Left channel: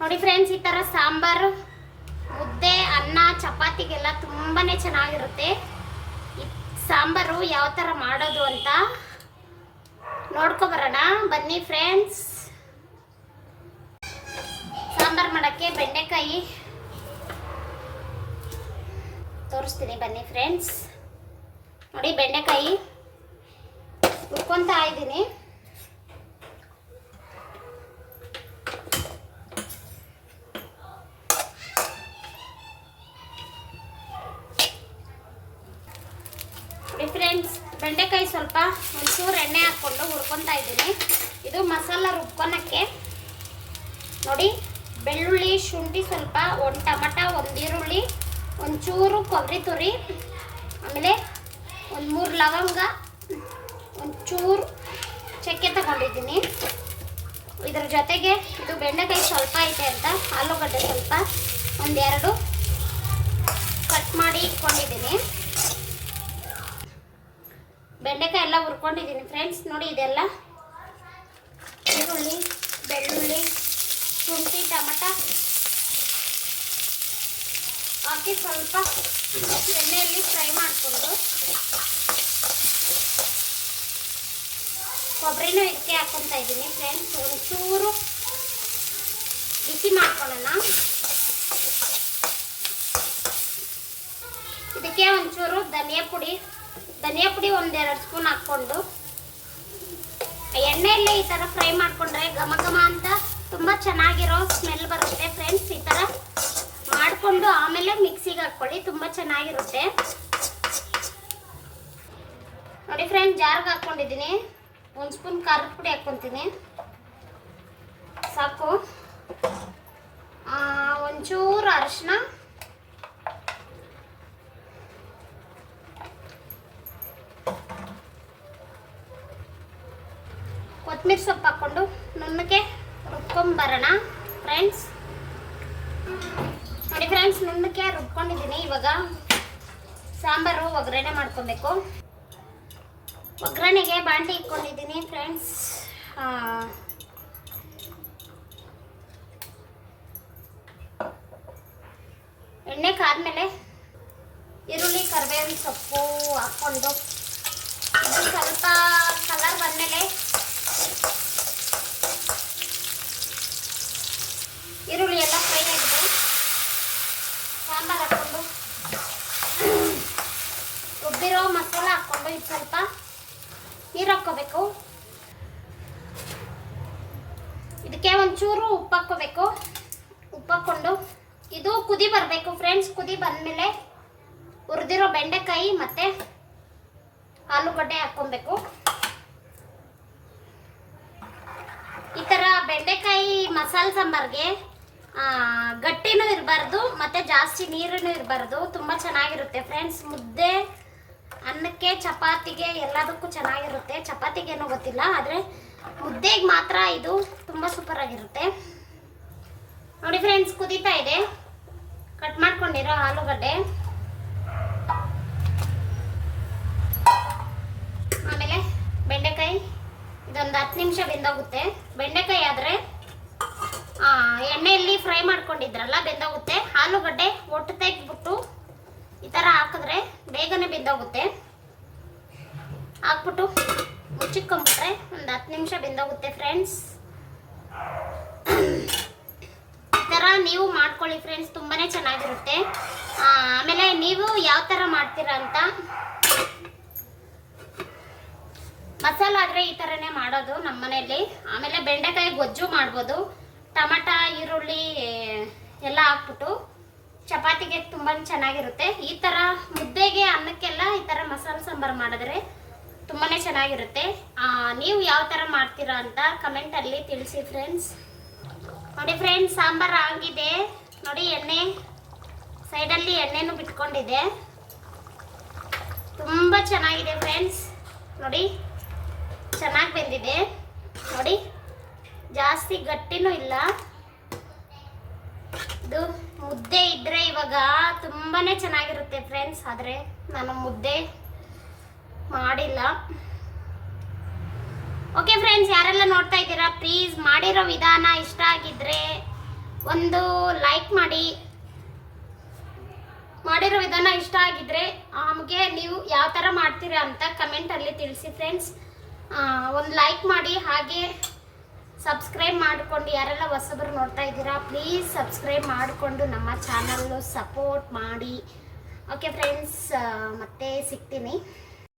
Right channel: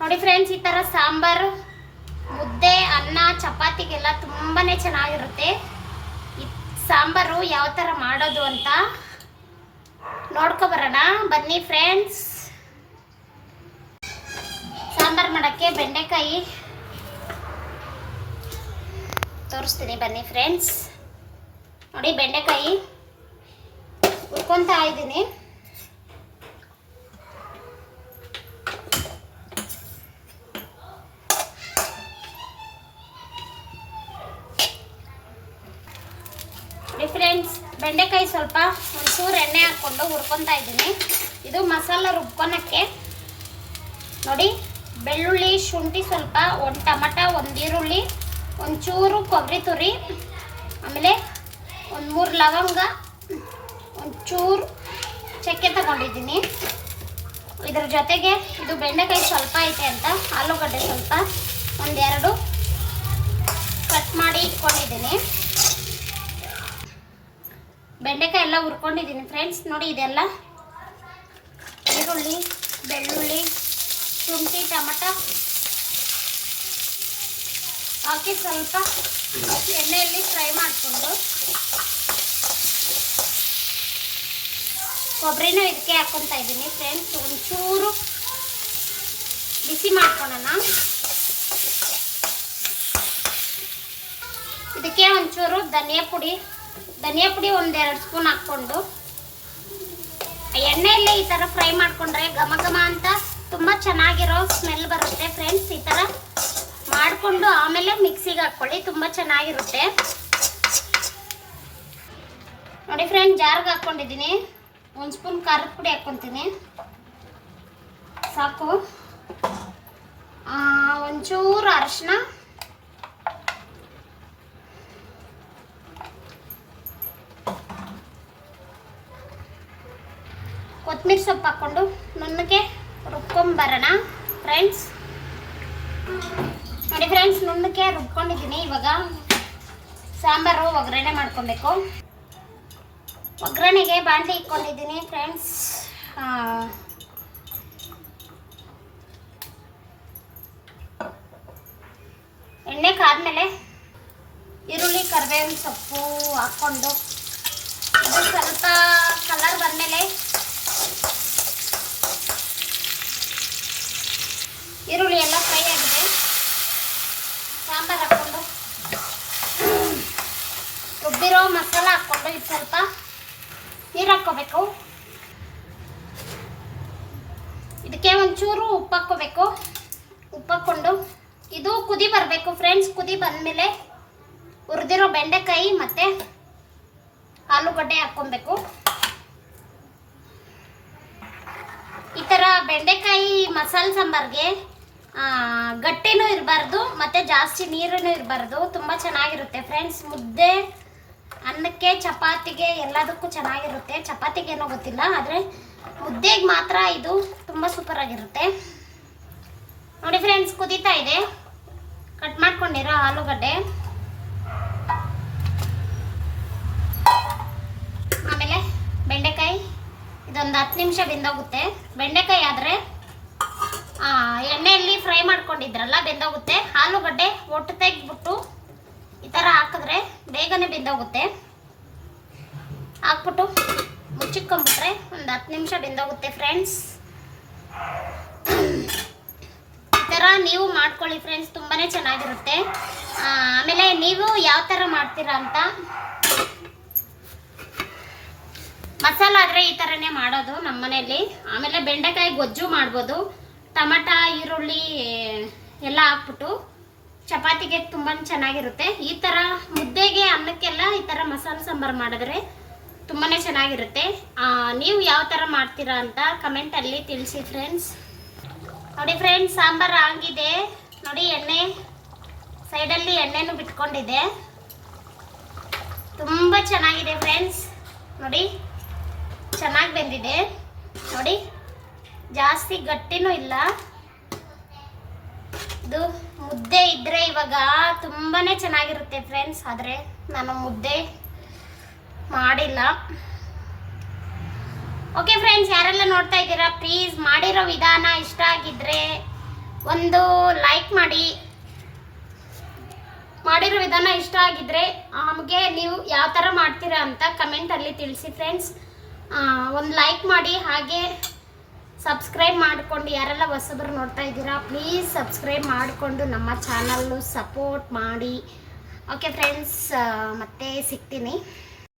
ನೋಡಿ ಫ್ರೆಂಡ್ಸ್, ಈ ಥರ ಸಾಂಬಾರು ಮುದ್ದೆ, ಅನ್ನ, ಚಪಾತಿಗೆಲ್ಲ ತುಂಬಾ ಚೆನ್ನಾಗಿರುತ್ತೆ. ಈ ಸಾಂಬಾರು ಯಾವ ಥರ ಮಾಡೋದು ಅಂತ ನೋಡ್ಕೊಬರೋಣ ಬನ್ನಿ ಫ್ರೆಂಡ್ಸ್. ಸಾಂಬಾರು ಮಾಡೋಕ್ಕೆ ಬೆಂಡೆಕಾಯಿ ತೋರಿಸ್ತೀನಿ ಬನ್ನಿ ಫ್ರೆಂಡ್ಸ್. ನೋಡಿ, ಬೆಂಡೆಕಾಯಿ ಹುರ್ಕೊತಾ ಇದ್ದೀನಿ. ಫ್ರೆಂಡ್ಸ್, ಬೆಂಡೆಕಾಯಿ ಸ್ವಲ್ಪ ಒಂಚೂರು ಎಣ್ಣೆ ಹಾಕ್ಕೊಂಡು ಹುರ್ಕೊತಾ ಇದ್ದೀನಿ. ಇದು ಮಸಾಲ ರುಬ್ಕೊಳಕ್ಕೆ. ನೋಡಿ, ಬೆಳ್ಳುಳ್ಳಿ, ಶುಂಠಿ ಸ್ವಲ್ಪ, ಒಂದು ಟೊಮಟ, ಒಂದು ಈರುಳ್ಳಿ, ಒಂಚೂರು ಕೊಬ್ಬರಿ ತುರಿ, ಆಮೇಲೆ ಒಂದು 3 ಲವಂಗ, ಒಂಚೂರು ಚಕ್ಕೆ ತಗೊಂಡಿದ್ದೀನಿ. ಇದ್ರ ಜೊತೆಗೆ ಇದು ಬೆಂಡೆಕಾಯಿ ಸ್ವಲ್ಪ ಐತೆ ಅಂತ ಆಲೂಗಡ್ಡೆ ಸ್ವಲ್ಪ ಒಂದೆರಡು ಕಟ್ ಮಾಡಿ ಇಟ್ಕೊಂಡಿದ್ದೀನಿ. ಬೆಂಡೆಕಾಯಿ ಎಲ್ಲ ಹುರ್ಕೊಂಡಿದ್ದೀನಿ ಫ್ರೆಂಡ್ಸ್. ನೋಡಿ, ಇದೆಲ್ಲ ಈರುಳ್ಳಿ, ಬೆಳ್ಳುಳ್ಳಿ, ಶುಂಠಿ, ಟೊಮಟ ಹಾಕಿ ಸ್ವಲ್ಪ ಎಣ್ಣೆಯಲ್ಲಿ ಫ್ರೈ ಮಾಡಿಕೊಂಡು ಕೊಬ್ಬರಿನೂ ಇದಕ್ಕೆ ಹಾಕ್ಕೊತಾ ಇದ್ದೀನಿ ಫ್ರೆಂಡ್ಸ್. ಒಂಚೂರು ಬಿಸಿ ಮಾಡ್ಕೊಳ್ಳೋಣ. ಇದಕ್ಕೆ ಒಂಚೂರು ಧನಿಯಾ ಪುಡಿ 1-2 ಸ್ಪೂನ್ ಹಾಕ್ಕೊಂಡು ಎಣ್ಣೆಯಲ್ಲೇ ಈ ಥರ ಫ್ರೈ ಮಾಡಿಕೊಂಡ್ರೆ ಘಮ ಘಮ ಅಂತ ತುಂಬ ಚೆನ್ನಾಗಿರೋ ಸ್ಮೆಲ್ ಬರುತ್ತೆ ಫ್ರೆಂಡ್ಸ್. ಈ ಥರ ಮಾಡಿಕೊಂಡು ಆಮೇಲೆ ಮಿಕ್ಸಿಗೆ ಹಾಕ್ಕೊಳ್ಳಿ, ತುಂಬ ಚೆನ್ನಾಗಿರುತ್ತೆ. ನೋಡಿ ಫ್ರೆಂಡ್ಸ್, ಜಾರ್ಗೆ ಹಾಕ್ಕೊಂಡಿದ್ದೀನಿ. 1 ಸ್ಪೂನ್ ಖಾರದ ಪುಡಿ ಹಾಕ್ಕೊತೀನಿ ಸಾಕು. ಒಂಚೂರು ಅರಿಶಿನ, ಕೊತ್ತಂಬರಿ ಸೊಪ್ಪು ಹಾಕ್ಕೊಂಡು ನುಣ್ಣಗೆ ರುಬ್ಕೊಂಬರೋಣ ಫ್ರೆಂಡ್ಸ್. ನೋಡಿ ಫ್ರೆಂಡ್ಸ್, ನುಣ್ಣಗೆ ರುಬ್ಕೊಂಡಿದ್ದೀನಿ. ಇವಾಗ ಸಾಂಬಾರು ಒಗ್ಗರಣೆ ಮಾಡ್ಕೊಬೇಕು. ಒಗ್ಗರಣೆಗೆ ಬಾಣಲಿ ಇಟ್ಕೊಂಡಿದ್ದೀನಿ ಫ್ರೆಂಡ್ಸ್. ಎಣ್ಣೆ ಕಾದ್ಮೇಲೆ ಈರುಳ್ಳಿ, ಕರಿಬೇವಿನ ಸೊಪ್ಪು ಹಾಕ್ಕೊಂಡು ಇದು ಸ್ವಲ್ಪ ಕಲರ್ ಬಂದಮೇಲೆ ಈರುಳ್ಳಿ ಎಲ್ಲ ಫ್ರೈ ಆಗಿದೆ. ಸಾಂಬಾರು ಹಾಕ್ಕೊಂಡು ರುಬ್ಬಿರೋ ಮಸಾಲ ಹಾಕ್ಕೊಂಡು ಇದು ಸ್ವಲ್ಪ ನೀರು ಹಾಕ್ಕೋಬೇಕು. ಇದಕ್ಕೆ ಒಂಚೂರು ಉಪ್ಪು ಹಾಕ್ಕೋಬೇಕು. ಉಪ್ಪು ಹಾಕ್ಕೊಂಡು ಇದು ಕುದಿ ಬರಬೇಕು ಫ್ರೆಂಡ್ಸ್. ಕುದಿ ಬಂದಮೇಲೆ ಹುರಿದಿರೋ ಬೆಂಡೆಕಾಯಿ ಮತ್ತು ಆಲೂಗಡ್ಡೆ ಹಾಕ್ಕೊಬೇಕು. ಈ ಥರ ಬೆಂಡೆಕಾಯಿ ಮಸಾಲೆ ಸಾಂಬಾರಿಗೆ ಗಟ್ಟಿನೂ ಇರಬಾರ್ದು ಮತ್ತು ಜಾಸ್ತಿ ನೀರೂ ಇರಬಾರ್ದು. ತುಂಬ ಚೆನ್ನಾಗಿರುತ್ತೆ ಫ್ರೆಂಡ್ಸ್. ಮುದ್ದೆ, ಅನ್ನಕ್ಕೆ, ಚಪಾತಿಗೆ ಎಲ್ಲದಕ್ಕೂ ಚೆನ್ನಾಗಿರುತ್ತೆ. ಚಪಾತಿಗೇನೋ ಗೊತ್ತಿಲ್ಲ, ಆದರೆ ಮುದ್ದೆಗೆ ಮಾತ್ರ ಇದು ತುಂಬ ಸೂಪರಾಗಿರುತ್ತೆ. ನೋಡಿ ಫ್ರೆಂಡ್ಸ್, ಕುದೀತಾ ಇದೆ. ಕಟ್ ಮಾಡ್ಕೊಂಡಿರೋ ಆಲೂಗಡ್ಡೆ, ಆಮೇಲೆ ಬೆಂಡೆಕಾಯಿ. ಇದೊಂದು 10 ನಿಮಿಷ ಬೆಂದೋಗುತ್ತೆ. ಬೆಂಡೆಕಾಯಿ ಆದರೆ ಎಣ್ಣೆಯಲ್ಲಿ ಫ್ರೈ ಮಾಡ್ಕೊಂಡಿದ್ರಲ್ಲ, ಬೆಂದೋಗುತ್ತೆ. ಆಲೂಗಡ್ಡೆ ಒಟ್ಟು ತೆಗೆದ್ಬಿಟ್ಟು ಈ ಥರ ಹಾಕಿದ್ರೆ ಬೇಗನೆ ಬೆಂದೋಗುತ್ತೆ. ಹಾಕ್ಬಿಟ್ಟು ಮುಚ್ಚಿಟ್ಕೊಂಡ್ಬಿಟ್ರೆ ಒಂದು 10 ನಿಮಿಷ ಬೆಂದೋಗುತ್ತೆ ಫ್ರೆಂಡ್ಸ್. ಈ ಥರ ನೀವು ಮಾಡ್ಕೊಳ್ಳಿ ಫ್ರೆಂಡ್ಸ್, ತುಂಬಾ ಚೆನ್ನಾಗಿರುತ್ತೆ. ಆಮೇಲೆ ನೀವು ಯಾವ ಥರ ಮಾಡ್ತೀರಾ ಅಂತ. ಮಸಾಲ ಆದರೆ ಈ ಥರನೇ ಮಾಡೋದು ನಮ್ಮ ಮನೆಯಲ್ಲಿ. ಆಮೇಲೆ ಬೆಂಡೆಕಾಯಿ ಗೊಜ್ಜು ಮಾಡ್ಬೋದು. ಟೊಮಟ, ಈರುಳ್ಳಿ ಎಲ್ಲ ಹಾಕ್ಬಿಟ್ಟು ಚಪಾತಿಗೆ ತುಂಬ ಚೆನ್ನಾಗಿರುತ್ತೆ. ಈ ಥರ ಮುದ್ದೆಗೆ, ಅನ್ನಕ್ಕೆಲ್ಲ ಈ ಥರ ಮಸಾಲೆ ಸಾಂಬಾರು ಮಾಡಿದ್ರೆ ತುಂಬಾ ಚೆನ್ನಾಗಿರುತ್ತೆ. ನೀವು ಯಾವ ಥರ ಮಾಡ್ತೀರಾ ಅಂತ ಕಮೆಂಟಲ್ಲಿ ತಿಳಿಸಿ ಫ್ರೆಂಡ್ಸ್. ನೋಡಿ ಫ್ರೆಂಡ್ಸ್, ಸಾಂಬಾರು ಆಗಿದೆ. ನೋಡಿ, ಎಣ್ಣೆ ಸೈಡಲ್ಲಿ ಎಣ್ಣೆನೂ ಬಿಟ್ಕೊಂಡಿದೆ. ತುಂಬ ಚೆನ್ನಾಗಿದೆ ಫ್ರೆಂಡ್ಸ್. ನೋಡಿ, ಚೆನ್ನಾಗಿ ಬೆಂದಿದೆ. ನೋಡಿ, ಜಾಸ್ತಿ ಗಟ್ಟಿನೂ ಇಲ್ಲ. ಇದು ಮುದ್ದೆ ಇದ್ದರೆ ಇವಾಗ ತುಂಬಾ ಚೆನ್ನಾಗಿರುತ್ತೆ ಫ್ರೆಂಡ್ಸ್. ಆದರೆ ನಾನು ಮುದ್ದೆ ಮಾಡಿಲ್ಲ. ಓಕೆ ಫ್ರೆಂಡ್ಸ್, ಯಾರೆಲ್ಲ ನೋಡ್ತಾ ಇದ್ದೀರಾ ಪ್ಲೀಸ್ ಮಾಡಿರೋ ವಿಧಾನ ಇಷ್ಟ ಆಗಿದ್ರೆ ಒಂದು ಲೈಕ್ ಮಾಡಿ. ಮಾಡಿರೋ ವಿಧಾನ ಇಷ್ಟ ಆಗಿದ್ರೆ ನಮಗೆ ನೀವು ಯಾವ ಥರ ಮಾಡ್ತೀರಾ ಅಂತ ಕಮೆಂಟಲ್ಲಿ ತಿಳಿಸಿ ಫ್ರೆಂಡ್ಸ್. ಒಂದು ಲೈಕ್ ಮಾಡಿ, ಹಾಗೆ ಸಬ್ಸ್ಕ್ರೈಬ್ ಮಾಡಿಕೊಂಡು ಯಾರೆಲ್ಲ ಹೊಸಬರು ನೋಡ್ತಾ ಇದ್ದೀರಾ ಪ್ಲೀಸ್ ಸಬ್ಸ್ಕ್ರೈಬ್ ಮಾಡಿಕೊಂಡು ನಮ್ಮ ಚಾನಲ್ಲು ಸಪೋರ್ಟ್ ಮಾಡಿ. ಓಕೆ ಫ್ರೆಂಡ್ಸ್, ಮತ್ತೆ ಸಿಗ್ತೀನಿ.